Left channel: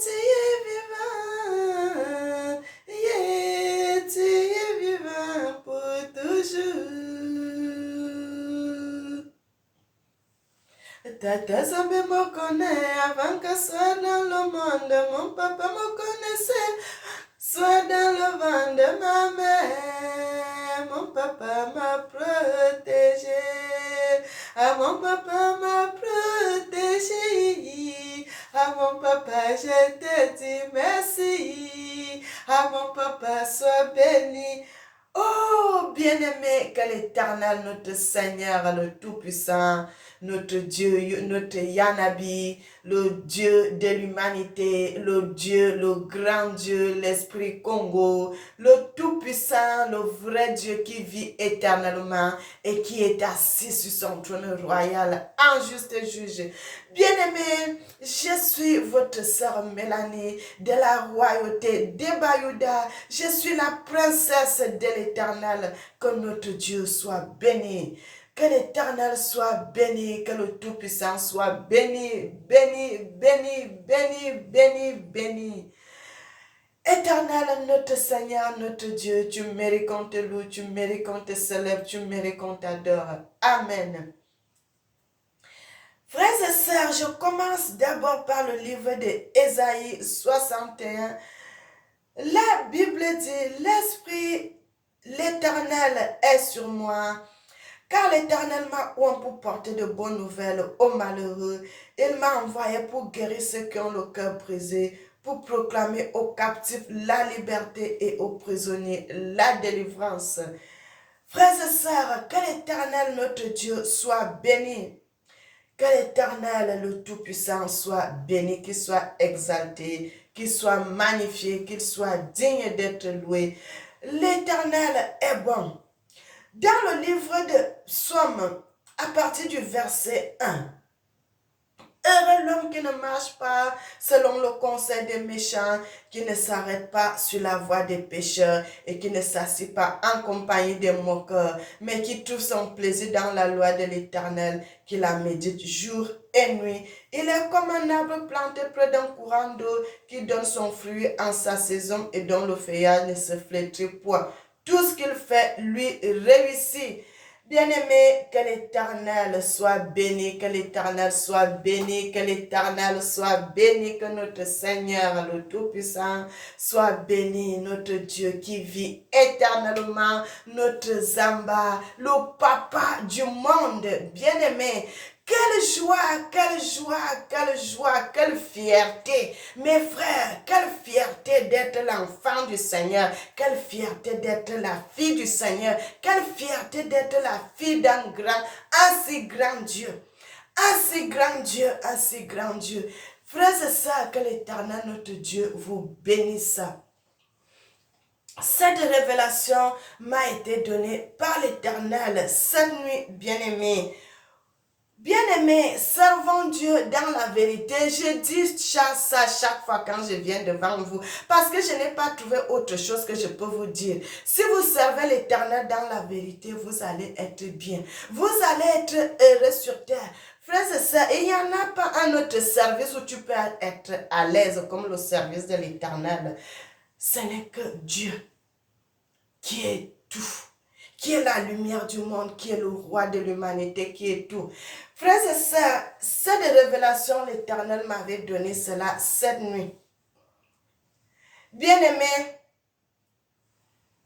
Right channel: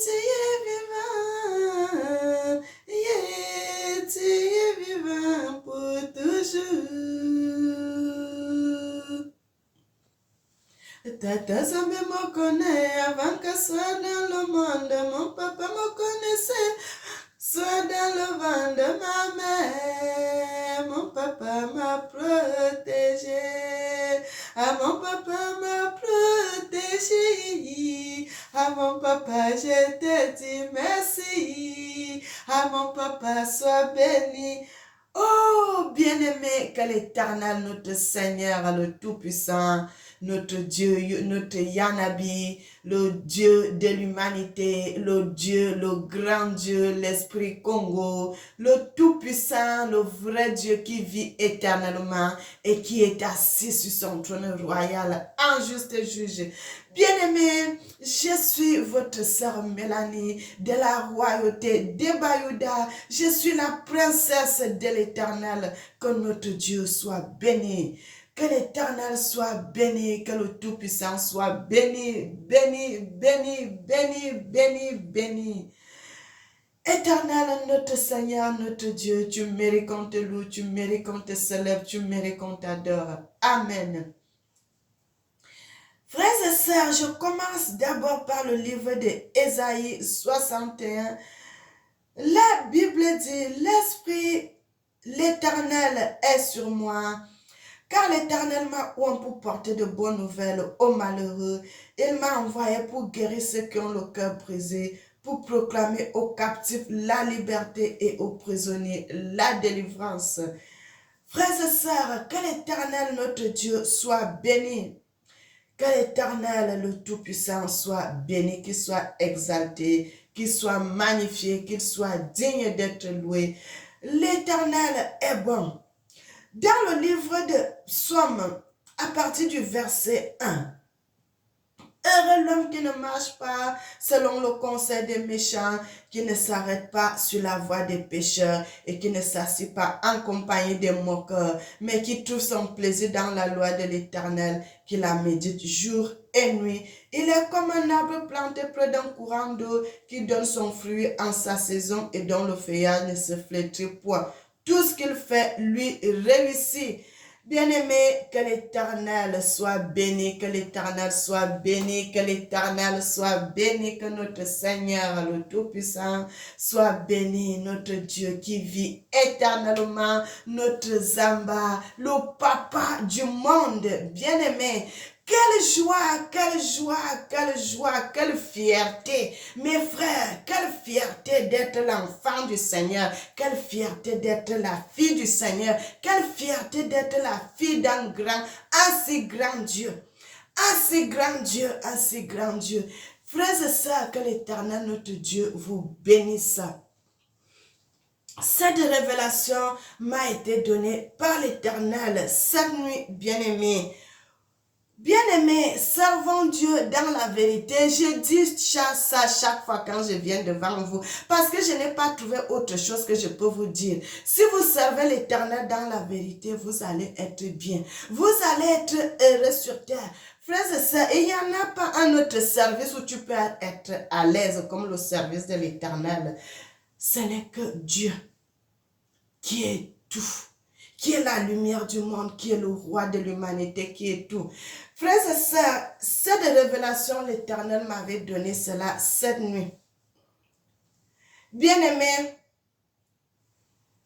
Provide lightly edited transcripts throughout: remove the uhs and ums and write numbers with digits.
tu es vivant. Yeah, tu es vivant pour toujours. Tata Zambé me connaît avant que soit dans le monde. Mon papa me connaissait. Soit dans le ventre de ma mère, mon papa m'a protégé. Ah, mon papa m'a protégé. Ah, mon papa, je te dis merci. Ah, mon papa, sois béni. Oh, bien-aimé, que l'Éternel, notre Seigneur, le Tout-Puissant, notre Dieu, notre Yanabi, le Dieu de l'humanité, le Dieu, le grand Dieu, l'Esprit Congo, le Tout-Puissant, le vrai Dieu qui vit éternellement et qui est assis sur son trône royal, en juste juge. Bien-aimé, je suis votre sœur Mélanie de la royauté des Bayouda. Je suis la princesse de l'Éternel. Que notre Dieu soit béni. Que l'Éternel soit béni, que le Tout-Puissant soit béni, béni, béni, béni, béni, béni. Éternel, notre Seigneur, notre Dieu, tu mérites qu'on te loue, tu mérites qu'on te célèbre, tu mérites qu'on t'adore. Amen. Frères et sœurs, je commence d'abord par le livre d'Ésaïe 61. La Bible dit, l'Esprit, l'Éternel est sur moi, car l'Éternel m'a oint pour porter de bonnes nouvelles aux malheureux. Il m'a envoyé pour guérir ceux qui ont le cœur brisé, pour proclamer aux captifs la liberté et aux prisonniers la délivrance. Frères et sœurs, que l'Éternel, notre Dieu, soit béni. Que l'Éternel, le Tout-Puissant, soit béni, qu'il soit exalté, qu'il soit magnifié, qu'il soit digne d'être loué. L'Éternel est bon. Dans le livre de Psaume, à partir du verset 1, heureux l'homme qui ne marche pas selon le conseil des méchants, qui ne s'arrête pas sur la voie des pécheurs et qui ne s'assied pas en compagnie des moqueurs, mais qui trouve son plaisir dans la loi de l'Éternel, qui la médite jour et nuit. Il est comme un arbre planté près d'un courant d'eau qui donne son fruit en sa saison et dont le feuillage ne se flétrit point. Tout ce qu'il fait lui réussit. Bien-aimé, que l'Éternel soit béni, que l'Éternel soit béni, que l'Éternel soit béni, que notre Seigneur, le Tout-Puissant, soit béni, notre Dieu qui vit éternellement, notre Zamba, le Papa du monde, bien-aimé. Quelle joie, quelle joie, quelle joie, quelle fierté. Mes frères, quelle fierté d'être l'enfant du Seigneur. Quelle fierté d'être la fille du Seigneur. Quelle fierté d'être la fille d'un grand, assez grand Dieu. Assez grand Dieu, assez grand Dieu. Frères et sœurs, que l'Éternel, notre Dieu, vous bénisse. Cette révélation m'a été donnée par l'Éternel cette nuit, bien-aimée. Bien-aimés, servons Dieu dans la vérité. Je dis ça chaque fois quand je viens devant vous, parce que je n'ai pas trouvé autre chose que je peux vous dire. Si vous servez l'Éternel dans la vérité, vous allez être bien. Vous allez être heureux sur terre. Frères et sœurs, il n'y en a pas un autre service où tu peux être à l'aise comme le service de l'Éternel. Ce n'est que Dieu qui est tout, qui est la lumière du monde, qui est le roi de l'humanité, qui est tout. Frères et sœurs, cette révélation, l'Éternel m'avait donné cela cette nuit. Bien-aimé,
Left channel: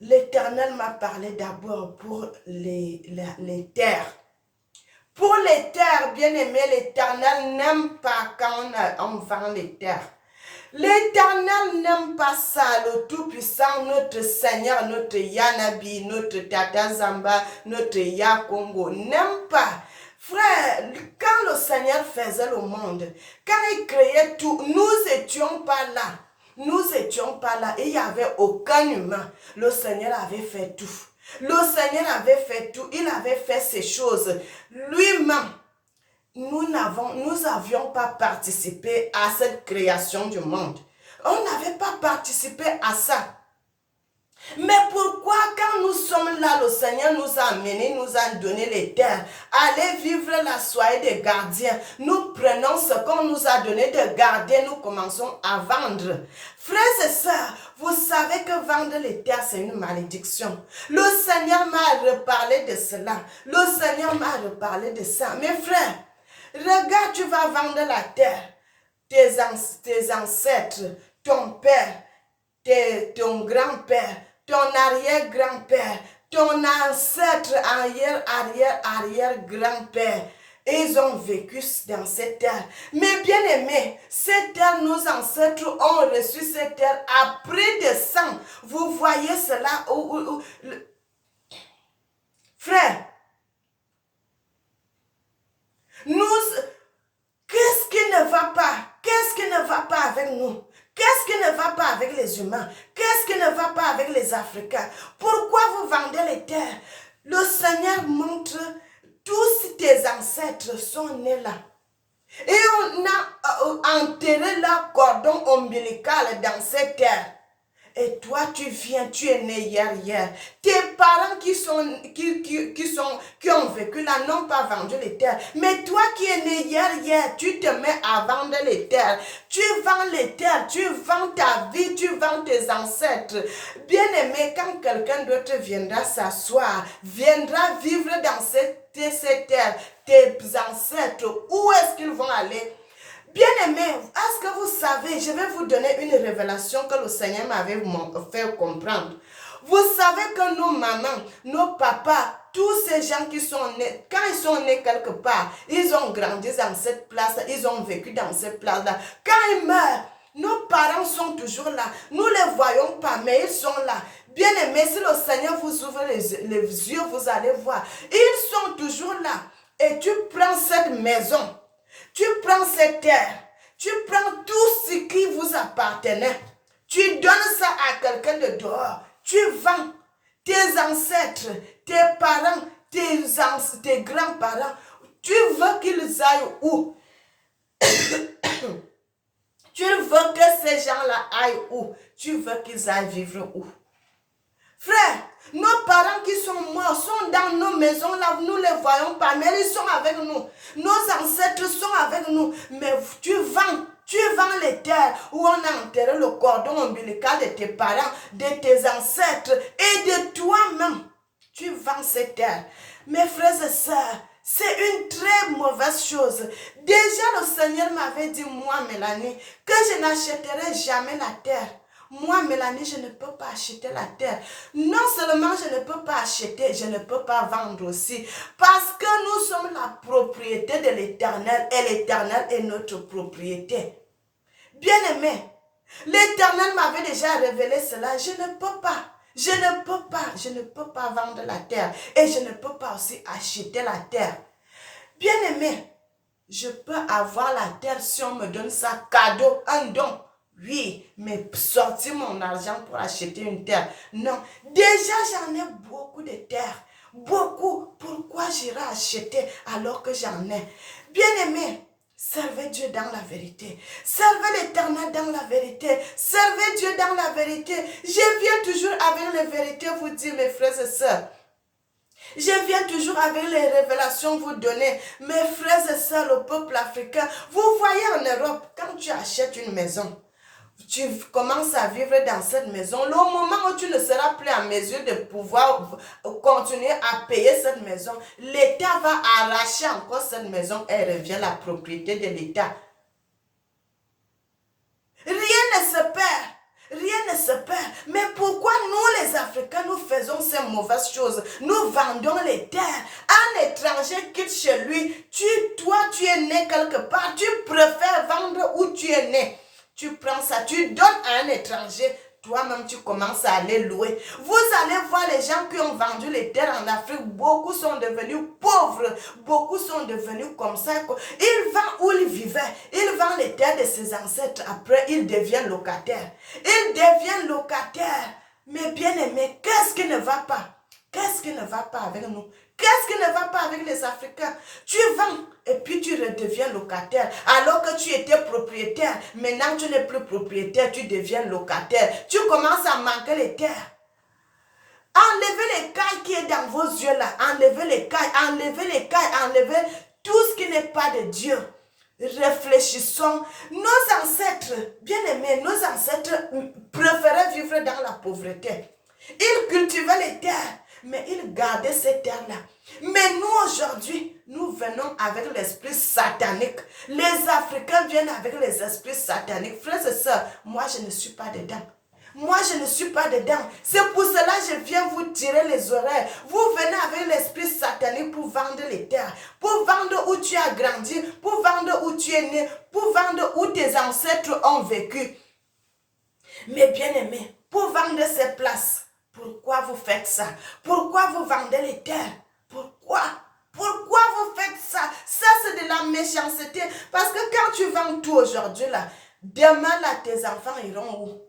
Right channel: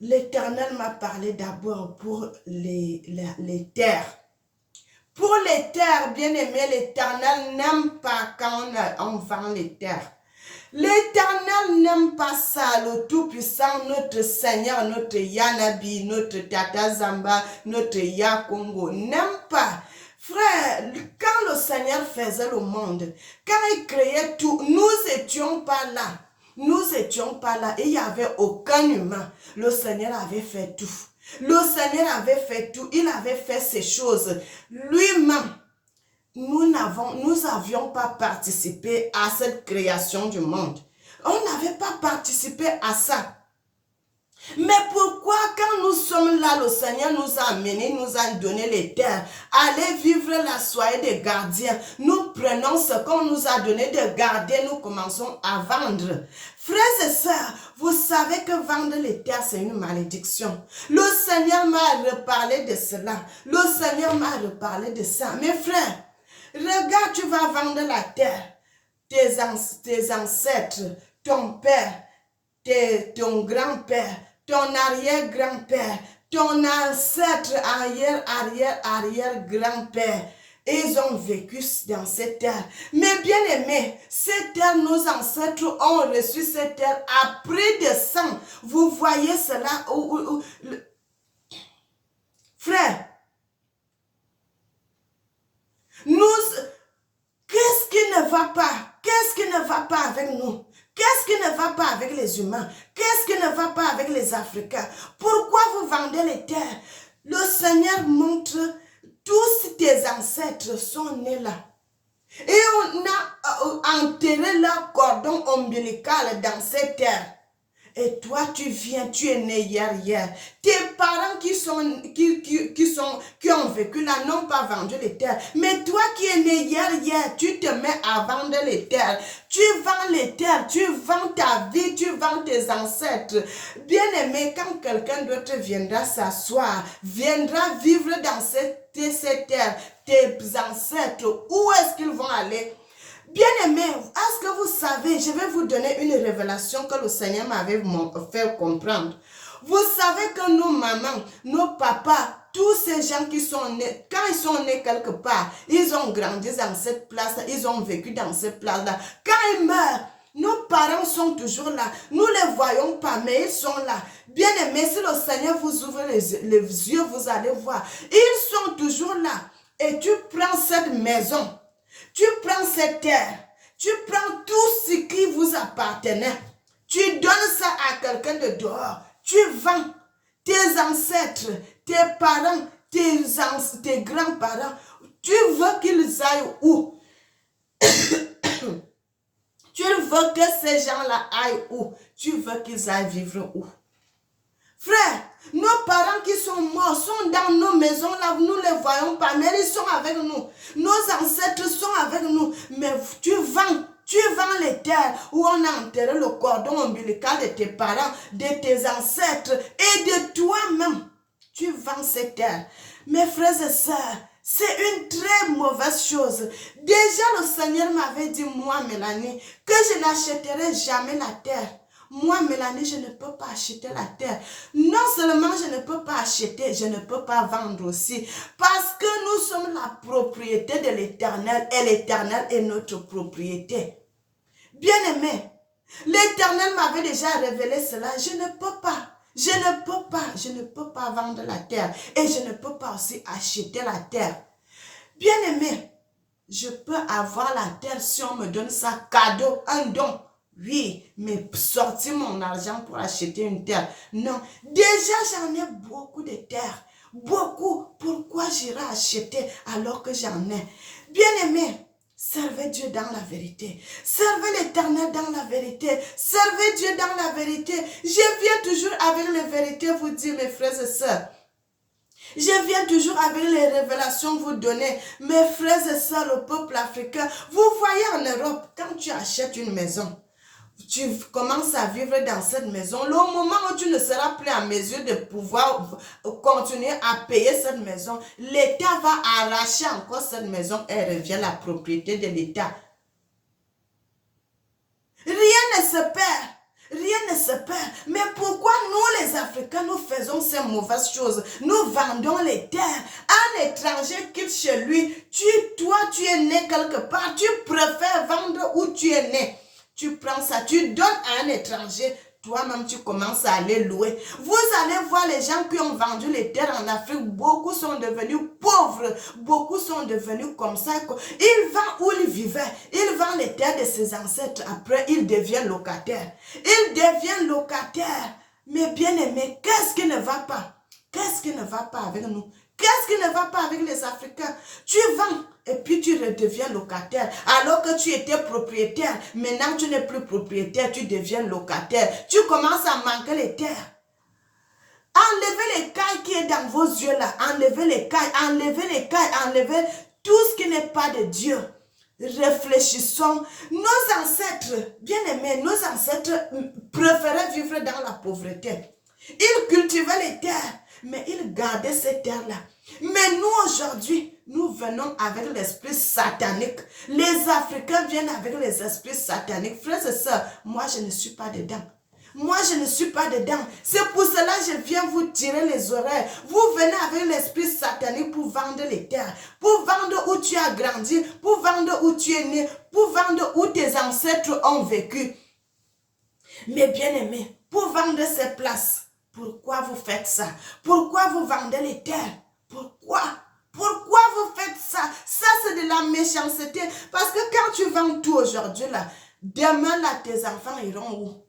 l'Éternel m'a parlé d'abord pour les terres. Pour les terres, bien-aimé, l'Éternel n'aime pas quand on vend les terres. L'Éternel n'aime pas ça, le Tout-Puissant, notre Seigneur, notre Yanabi, notre Tata Zamba, notre Yakongo, n'aime pas. Frère, quand le Seigneur faisait le monde, quand il créait tout, nous n'étions pas là. Nous n'étions pas là et il n'y avait aucun humain. Le Seigneur avait fait tout. Le Seigneur avait fait tout. Il avait fait ces choses lui-même. Nous n'avions pas participé à cette création du monde. On n'avait pas participé à ça. Mais pourquoi quand nous sommes là, le Seigneur nous a amenés, nous a donné les terres, allez vivre là, soyez des gardiens. Nous prenons ce qu'on nous a donné de garder, nous commençons à vendre. Frères et sœurs, vous savez que vendre les terres, c'est une malédiction. Le Seigneur m'a reparlé de cela. Le Seigneur m'a reparlé de ça. Mes frères, regarde, tu vas vendre la terre. Tes ancêtres, ton père, ton grand-père, ton arrière-grand-père, ton ancêtre, arrière-grand-père. Ils ont vécu dans cette terre. Mais bien aimés, cette terre, nos ancêtres ont reçu cette terre après de sang. Vous voyez cela? Frère, qu'est-ce qui ne va pas? Qu'est-ce qui ne va pas avec nous? Qu'est-ce qui ne va pas avec les humains? Qu'est-ce qui ne va pas avec les Africains? Pourquoi vous vendez les terres? Le Seigneur montre, tous tes ancêtres sont nés là. Et on a enterré leur cordon ombilical dans cette terre. Et toi, tu viens, tu es né hier. Tes parents qui ont vécu là n'ont pas vendu les terres. Mais toi qui es né hier, tu te mets à vendre les terres. Tu vends les terres, tu vends ta vie, tu vends tes ancêtres. Bien aimé, quand quelqu'un d'autre viendra s'asseoir, viendra vivre dans cette terre, tes ancêtres, où est-ce qu'ils vont aller? Bien-aimés, est-ce que vous savez, je vais vous donner une révélation que le Seigneur m'avait fait comprendre. Vous savez que nos mamans, nos papas, tous ces gens qui sont nés, quand ils sont nés quelque part, ils ont grandi dans cette place, ils ont vécu dans cette place-là. Quand ils meurent, nos parents sont toujours là. Nous ne les voyons pas, mais ils sont là. Bien-aimés, si le Seigneur vous ouvre les yeux, vous allez voir. Ils sont toujours là. Et tu prends cette maison. Tu prends cette terre, tu prends tout ce qui vous appartenait, tu donnes ça à quelqu'un de dehors, tu vends tes ancêtres, tes parents, tes grands-parents, tu veux qu'ils aillent où? Tu veux que ces gens-là aillent où? Tu veux qu'ils aillent vivre où? Frère, nos parents qui sont morts sont dans nos maisons là, nous ne les voyons pas, mais ils sont avec nous. Nos ancêtres sont avec nous, mais tu vends les terres où on a enterré le cordon ombilical de tes parents, de tes ancêtres et de toi-même. Tu vends ces terres. Mes frères et sœurs, c'est une très mauvaise chose. Déjà, le Seigneur m'avait dit, moi, Mélanie, que je n'achèterai jamais la terre. Moi, Mélanie, je ne peux pas acheter la terre. Non seulement je ne peux pas acheter, je ne peux pas vendre aussi. Parce que nous sommes la propriété de l'Éternel et l'Éternel est notre propriété. Bien-aimé, l'Éternel m'avait déjà révélé cela. Je ne peux pas vendre la terre et je ne peux pas aussi acheter la terre. Bien-aimé, je peux avoir la terre si on me donne ça cadeau, un don. Oui, mais sortir mon argent pour acheter une terre. Non, déjà j'en ai beaucoup de terres. Beaucoup. Pourquoi j'irai acheter alors que j'en ai? Bien-aimé, servez Dieu dans la vérité. Servez l'Éternel dans la vérité. Servez Dieu dans la vérité. Je viens toujours avec les vérités vous dire, mes frères et sœurs. Je viens toujours avec les révélations vous donner. Mes frères et sœurs, le peuple africain, vous voyez en Europe, quand tu achètes une maison, tu commences à vivre dans cette maison. Le moment où tu ne seras plus en mesure de pouvoir continuer à payer cette maison, l'État va arracher encore cette maison et revient la propriété de l'État. Rien ne se perd. Rien ne se perd. Mais pourquoi nous les Africains, nous faisons ces mauvaises choses? Nous vendons les terres. Un étranger quitte chez lui. Toi, tu es né quelque part. Tu préfères vendre où tu es né. Tu prends ça, tu donnes à un étranger. Toi-même, tu commences à aller louer. Vous allez voir les gens qui ont vendu les terres en Afrique. Beaucoup sont devenus pauvres. Beaucoup sont devenus comme ça. Ils vendent où ils vivaient. Ils vendent les terres de ses ancêtres. Après, ils deviennent locataires. Ils deviennent locataires. Mais bien aimé, qu'est-ce qui ne va pas? Qu'est-ce qui ne va pas avec nous? Qu'est-ce qui ne va pas avec les Africains? Tu vends et puis tu redeviens locataire. Alors que tu étais propriétaire, maintenant tu n'es plus propriétaire, tu deviens locataire. Tu commences à manquer les terres. Enlevez l'écaille qui est dans vos yeux là. Enlevez l'écaille, enlevez tout ce qui n'est pas de Dieu. Réfléchissons. Nos ancêtres, bien-aimés, nos ancêtres préféraient vivre dans la pauvreté. Ils cultivaient les terres, mais ils gardaient ces terres-là. Mais nous, aujourd'hui, nous venons avec l'esprit satanique. Les Africains viennent avec les esprits sataniques. Frères et sœurs, moi, je ne suis pas dedans. Moi, je ne suis pas dedans. C'est pour cela que je viens vous tirer les oreilles. Vous venez avec l'esprit satanique pour vendre les terres, pour vendre où tu as grandi, pour vendre où tu es né, pour vendre où tes ancêtres ont vécu. Mais bien aimés, pour vendre ces places, pourquoi vous faites ça? Pourquoi vous vendez les terres? Pourquoi? Pourquoi vous faites ça? Ça, c'est de la méchanceté. Parce que quand tu vends tout aujourd'hui, là, demain, là, tes enfants iront où?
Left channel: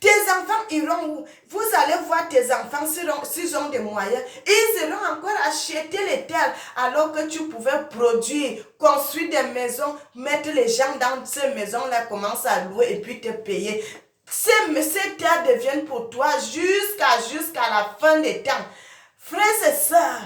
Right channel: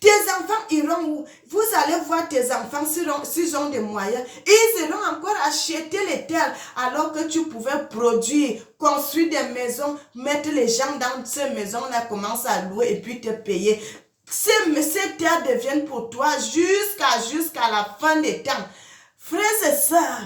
Tes enfants iront où? Vous allez voir tes enfants, s'ils ont des moyens, ils iront encore acheter les terres alors que tu pouvais produire, construire des maisons, mettre les gens dans ces maisons-là, commencer à louer et puis te payer. Ces terres deviennent pour toi jusqu'à la fin des temps. Frères et sœurs,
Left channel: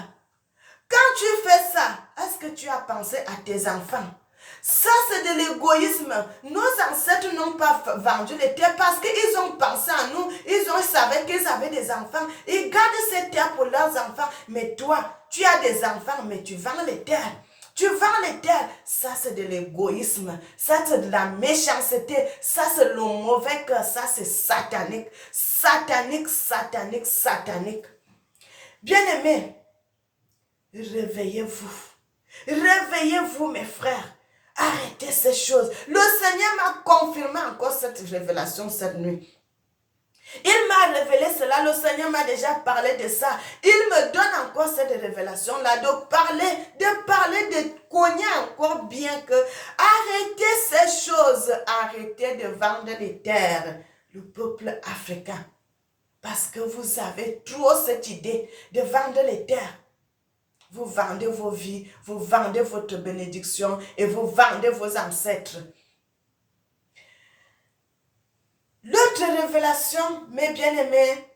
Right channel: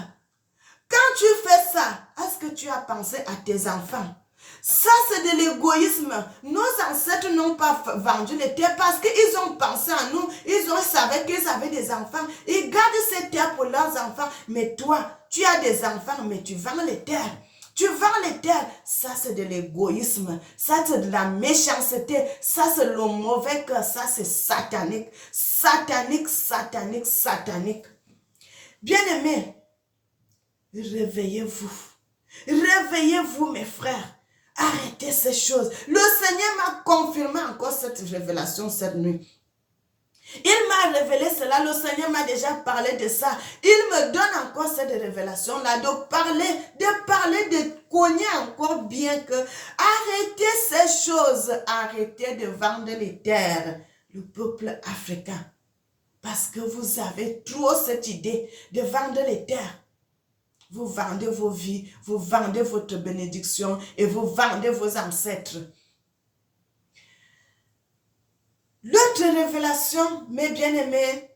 quand tu fais ça, est-ce que tu as pensé à tes enfants? Ça, c'est de l'égoïsme. Nos ancêtres n'ont pas vendu les terres parce qu'ils ont pensé à nous. Ils savaient qu'ils avaient des enfants. Ils gardent ces terres pour leurs enfants. Mais toi, tu as des enfants, mais tu vends les terres. Tu vends les terres. Ça, c'est de l'égoïsme. Ça, c'est de la méchanceté. Ça, c'est le mauvais cœur. Ça, c'est satanique. Satanique, satanique, satanique. Bien-aimés, réveillez-vous. Réveillez-vous, mes frères. Arrêtez ces choses. Le Seigneur m'a confirmé encore cette révélation cette nuit. Il m'a révélé cela. Le Seigneur m'a déjà parlé de ça. Il me donne encore cette révélation-là. De parler, de cogner encore bien que arrêtez ces choses. Arrêtez de vendre les terres. Le peuple africain. Parce que vous avez trop cette idée de vendre les terres. Vous vendez vos vies, vous vendez votre bénédiction et vous vendez vos ancêtres. L'autre révélation, mes bien-aimés,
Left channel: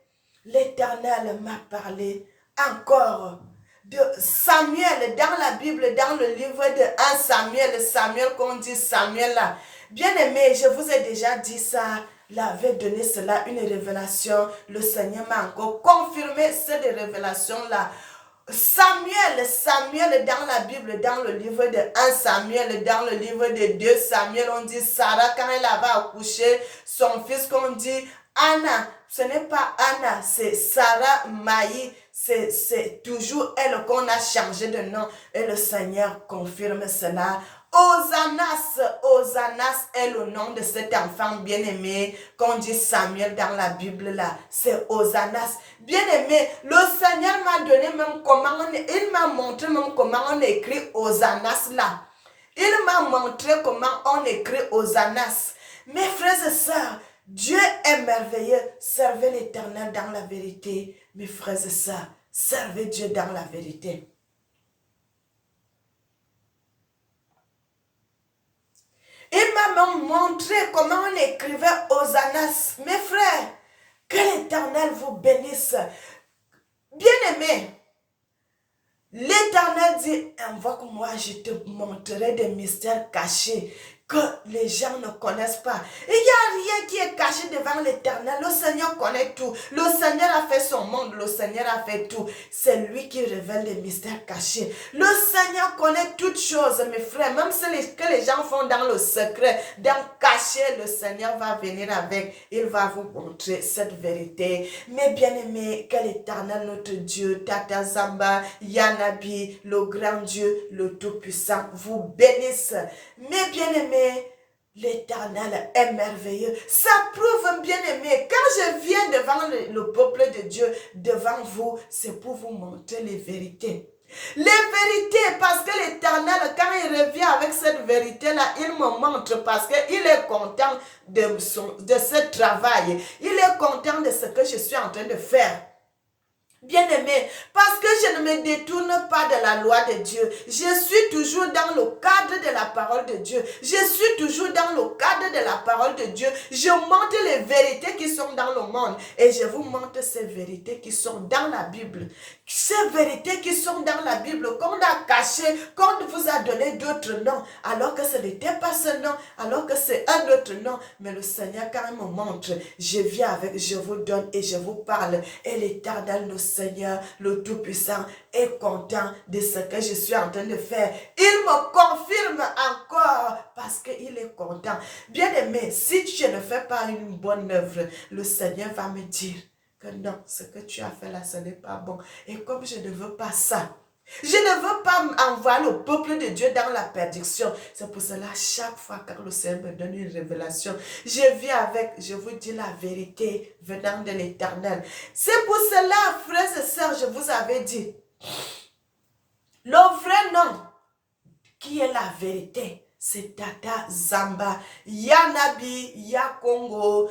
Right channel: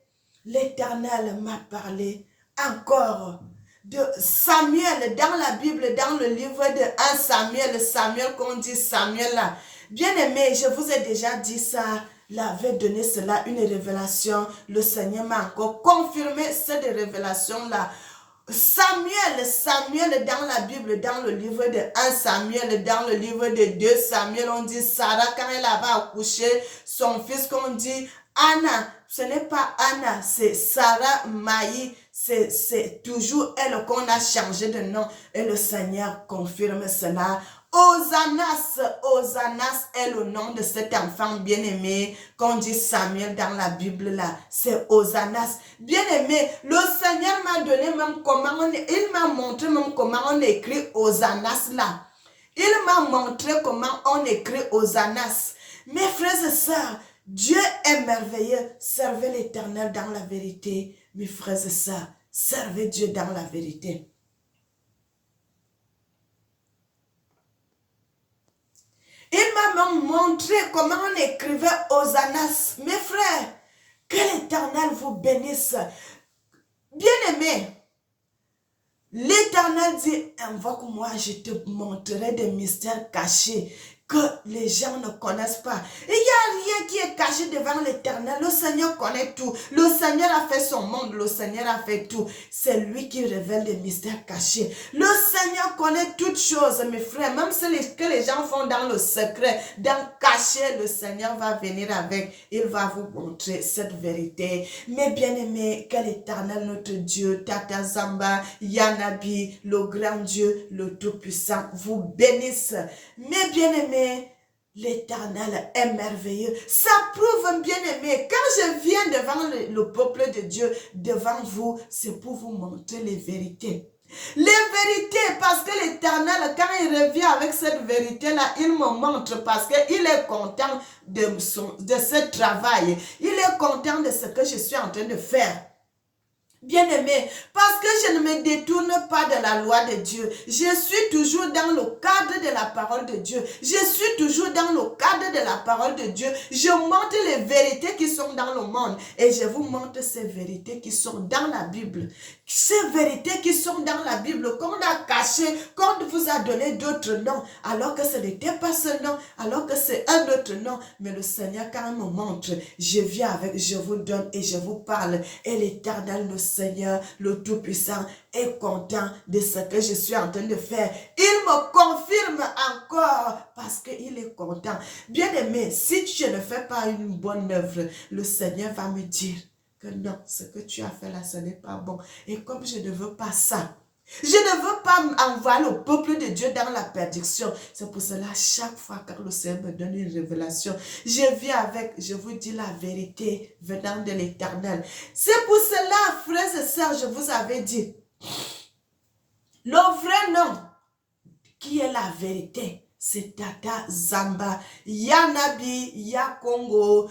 l'Éternel m'a parlé encore de Samuel dans la Bible, dans le livre de 1 Samuel, Samuel qu'on dit Samuel là. Bien-aimés, je vous ai déjà dit ça. L'avait donné cela, une révélation. Le Seigneur m'a encore confirmé cette révélation-là. Samuel dans la Bible, dans le livre de 1 Samuel, dans le livre de 2 Samuel, on dit Sarah, quand elle avait accouché son fils, qu'on dit Anna, ce n'est pas Anna, c'est Sarah Maï, c'est toujours elle qu'on a changé de nom et le Seigneur confirme cela. Hosannas est le nom de cet enfant bien-aimé qu'on dit Samuel dans la Bible là. C'est Hosannas. Bien-aimé, le Seigneur m'a donné même il m'a montré même comment on écrit Hosannas là. Il m'a montré comment on écrit Hosannas. Mes frères et sœurs, Dieu est merveilleux. Servez l'Éternel dans la vérité. Mes frères et sœurs, servez Dieu dans la vérité. Il m'a même montré comment on écrivait Hosannas. Mes frères, que l'Éternel vous bénisse. Bien-aimés, l'Éternel dit, invoque-moi, je te montrerai des mystères cachés que les gens ne connaissent pas. Il n'y a rien qui est caché devant l'Éternel. Le Seigneur connaît tout. Le Seigneur a fait son monde. Le Seigneur a fait tout. C'est lui qui révèle les mystères cachés. Le Seigneur connaît toutes choses, mes frères. Même ce que les gens font dans le secret, dans le caché, le Seigneur va venir avec. Il va vous montrer cette vérité. Mes bien-aimés, que l'Éternel, notre Dieu, Tata Zamba, Yanabi, le grand Dieu, le Tout-Puissant, vous bénisse. Mes bien-aimés, l'Éternel est merveilleux. Ça prouve, bien-aimé, quand je viens devant le peuple de Dieu, devant vous, c'est pour vous montrer les vérités. Les vérités, parce que l'Éternel, quand il revient avec cette vérité-là, il me montre parce qu'il est content de ce travail. Il est content de ce que je suis en train de faire. Bien-aimé, parce que je ne me détourne pas de la loi de Dieu. Je suis toujours dans le cadre de la parole de Dieu. Je suis toujours dans le cadre de la parole de Dieu. Je montre les vérités qui sont dans le monde et je vous montre ces vérités qui sont dans la Bible. Ces vérités qui sont dans la Bible, qu'on a cachées, qu'on vous a donné d'autres noms, alors que ce n'était pas ce nom, alors que c'est un autre nom. Mais le Seigneur, quand il me montre, je viens avec, je vous donne et je vous parle. Et l'Éternel, le Seigneur, le Tout-Puissant, est content de ce que je suis en train de faire. Il me confirme encore parce qu'il est content. Bien-aimé, si tu ne fais pas une bonne œuvre, le Seigneur va me dire que non, ce que tu as fait là, ce n'est pas bon. Et comme je ne veux pas ça, je ne veux pas envoyer le peuple de Dieu dans la perdition. C'est pour cela, chaque fois que le Seigneur me donne une révélation, je viens avec, je vous dis la vérité venant de l'Éternel. C'est pour cela, frères et sœurs, je vous avais dit, le vrai nom qui est la vérité, c'est Tata Zamba. Ya Nabi, ya Congo,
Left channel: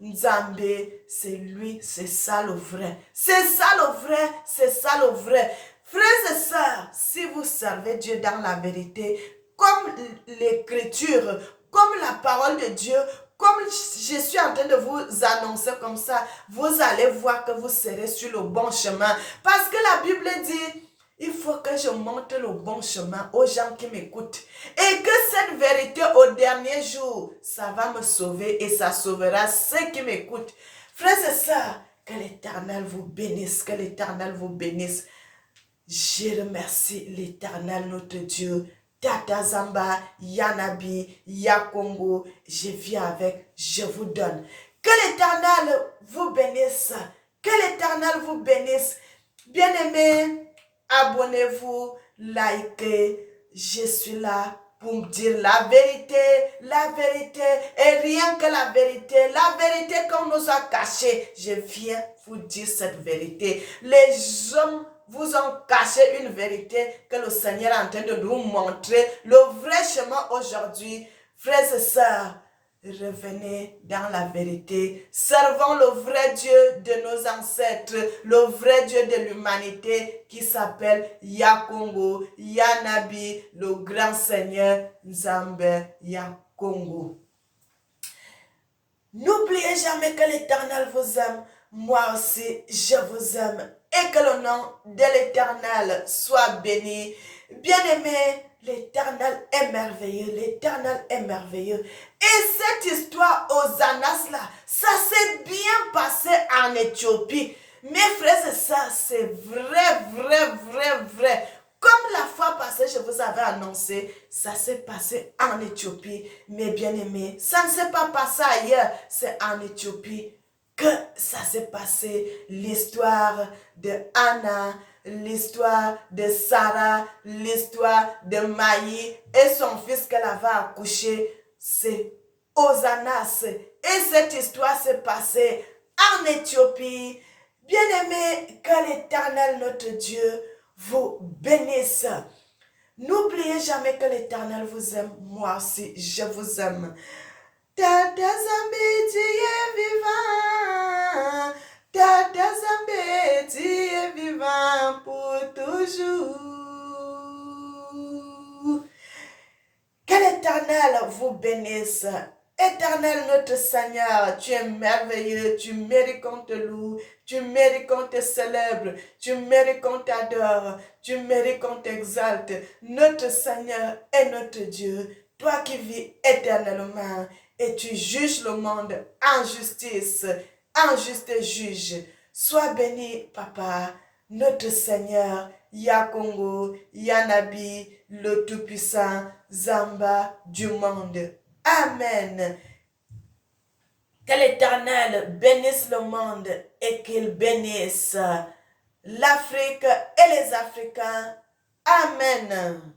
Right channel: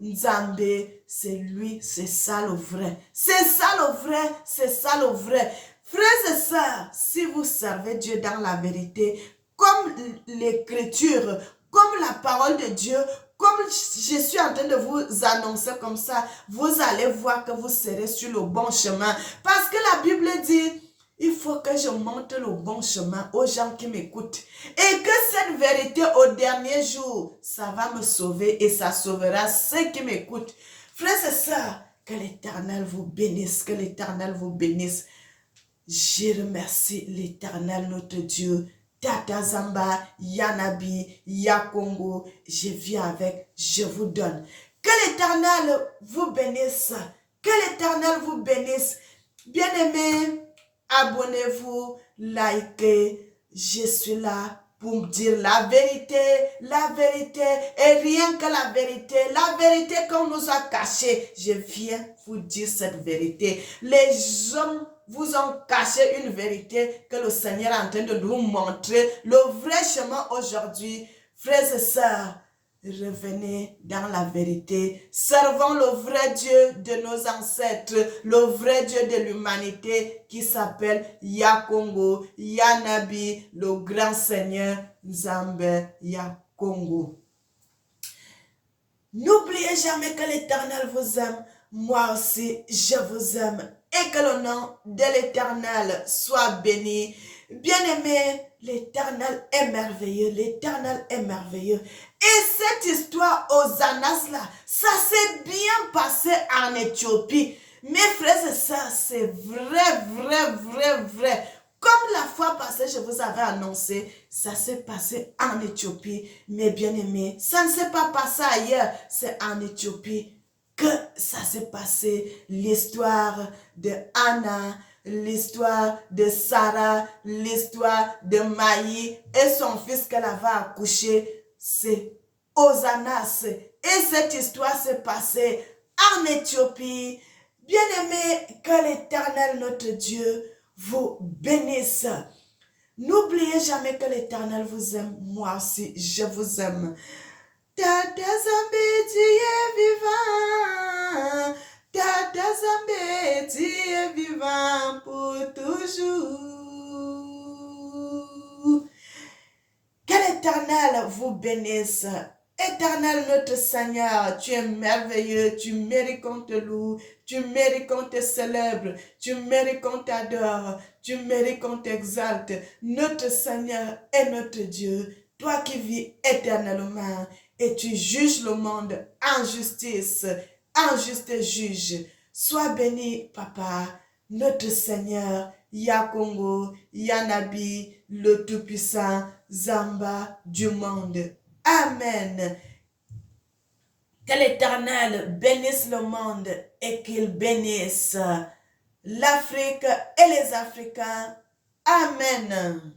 Nzambe. C'est lui, c'est ça le vrai. C'est ça le vrai, c'est ça le vrai. Frères et sœurs, si vous servez Dieu dans la vérité, comme l'écriture, comme la parole de Dieu, comme je suis en train de vous annoncer comme ça, vous allez voir que vous serez sur le bon chemin. Parce que la Bible dit, il faut que je montre le bon chemin aux gens qui m'écoutent. Et que cette vérité au dernier jour, ça va me sauver et ça sauvera ceux qui m'écoutent. Frères et sœurs, que l'Éternel vous bénisse, que l'Éternel vous bénisse. Je remercie l'Éternel, notre Dieu. Tata Zamba, Yanabi, Yakongo, je viens avec, je vous donne. Que l'Éternel vous bénisse. Que l'Éternel vous bénisse. Bien-aimés, abonnez-vous, likez. Je suis là pour dire la vérité et rien que la vérité qu'on nous a cachée. Je viens vous dire cette vérité. Les hommes vous ont caché une vérité que le Seigneur est en train de nous montrer. Le vrai chemin aujourd'hui, frères et sœurs, revenez dans la vérité. Servons le vrai Dieu de nos ancêtres, le vrai Dieu de l'humanité qui s'appelle Yakongo, Yanabi, le grand Seigneur Nzambe Yakongo. N'oubliez jamais que l'Éternel vous aime. Moi aussi, je vous aime. Et que le nom de l'Éternel soit béni. Bien-aimé, l'Éternel est merveilleux. L'Éternel est merveilleux. Et cette histoire aux Anas là, ça s'est bien passé en Éthiopie. Mes frères et sœurs, c'est vrai. Comme la fois passée, je vous avais annoncé, ça s'est passé en Éthiopie. Mais bien aimé, ça ne s'est pas passé ailleurs, c'est en Éthiopie que ça s'est passé. L'histoire de Anna, l'histoire de Sarah, l'histoire de Maï et son fils qu'elle avait accouché, c'est Osanas. Et cette histoire s'est passée en Éthiopie. Bien-aimé, que l'Éternel, notre Dieu, vous bénisse. N'oubliez jamais que l'Éternel vous aime. Moi aussi, je vous aime. Tata Zambé, tu es vivant. Tata Zambé, tu es vivant pour toujours. Que l'Éternel vous bénisse. Éternel notre Seigneur, tu es merveilleux, tu mérites qu'on te loue, tu mérites qu'on te célèbre, tu mérites qu'on t'adore, tu mérites qu'on t'exalte. Notre Seigneur est notre Dieu, toi qui vis éternellement et tu juges le monde en justice, en juste juge. Sois béni, Papa, notre Seigneur, Yakongo, Yanabi, le Tout-Puissant, Zamba du monde. Amen. Que l'Éternel bénisse le monde et qu'il bénisse l'Afrique et les Africains. Amen.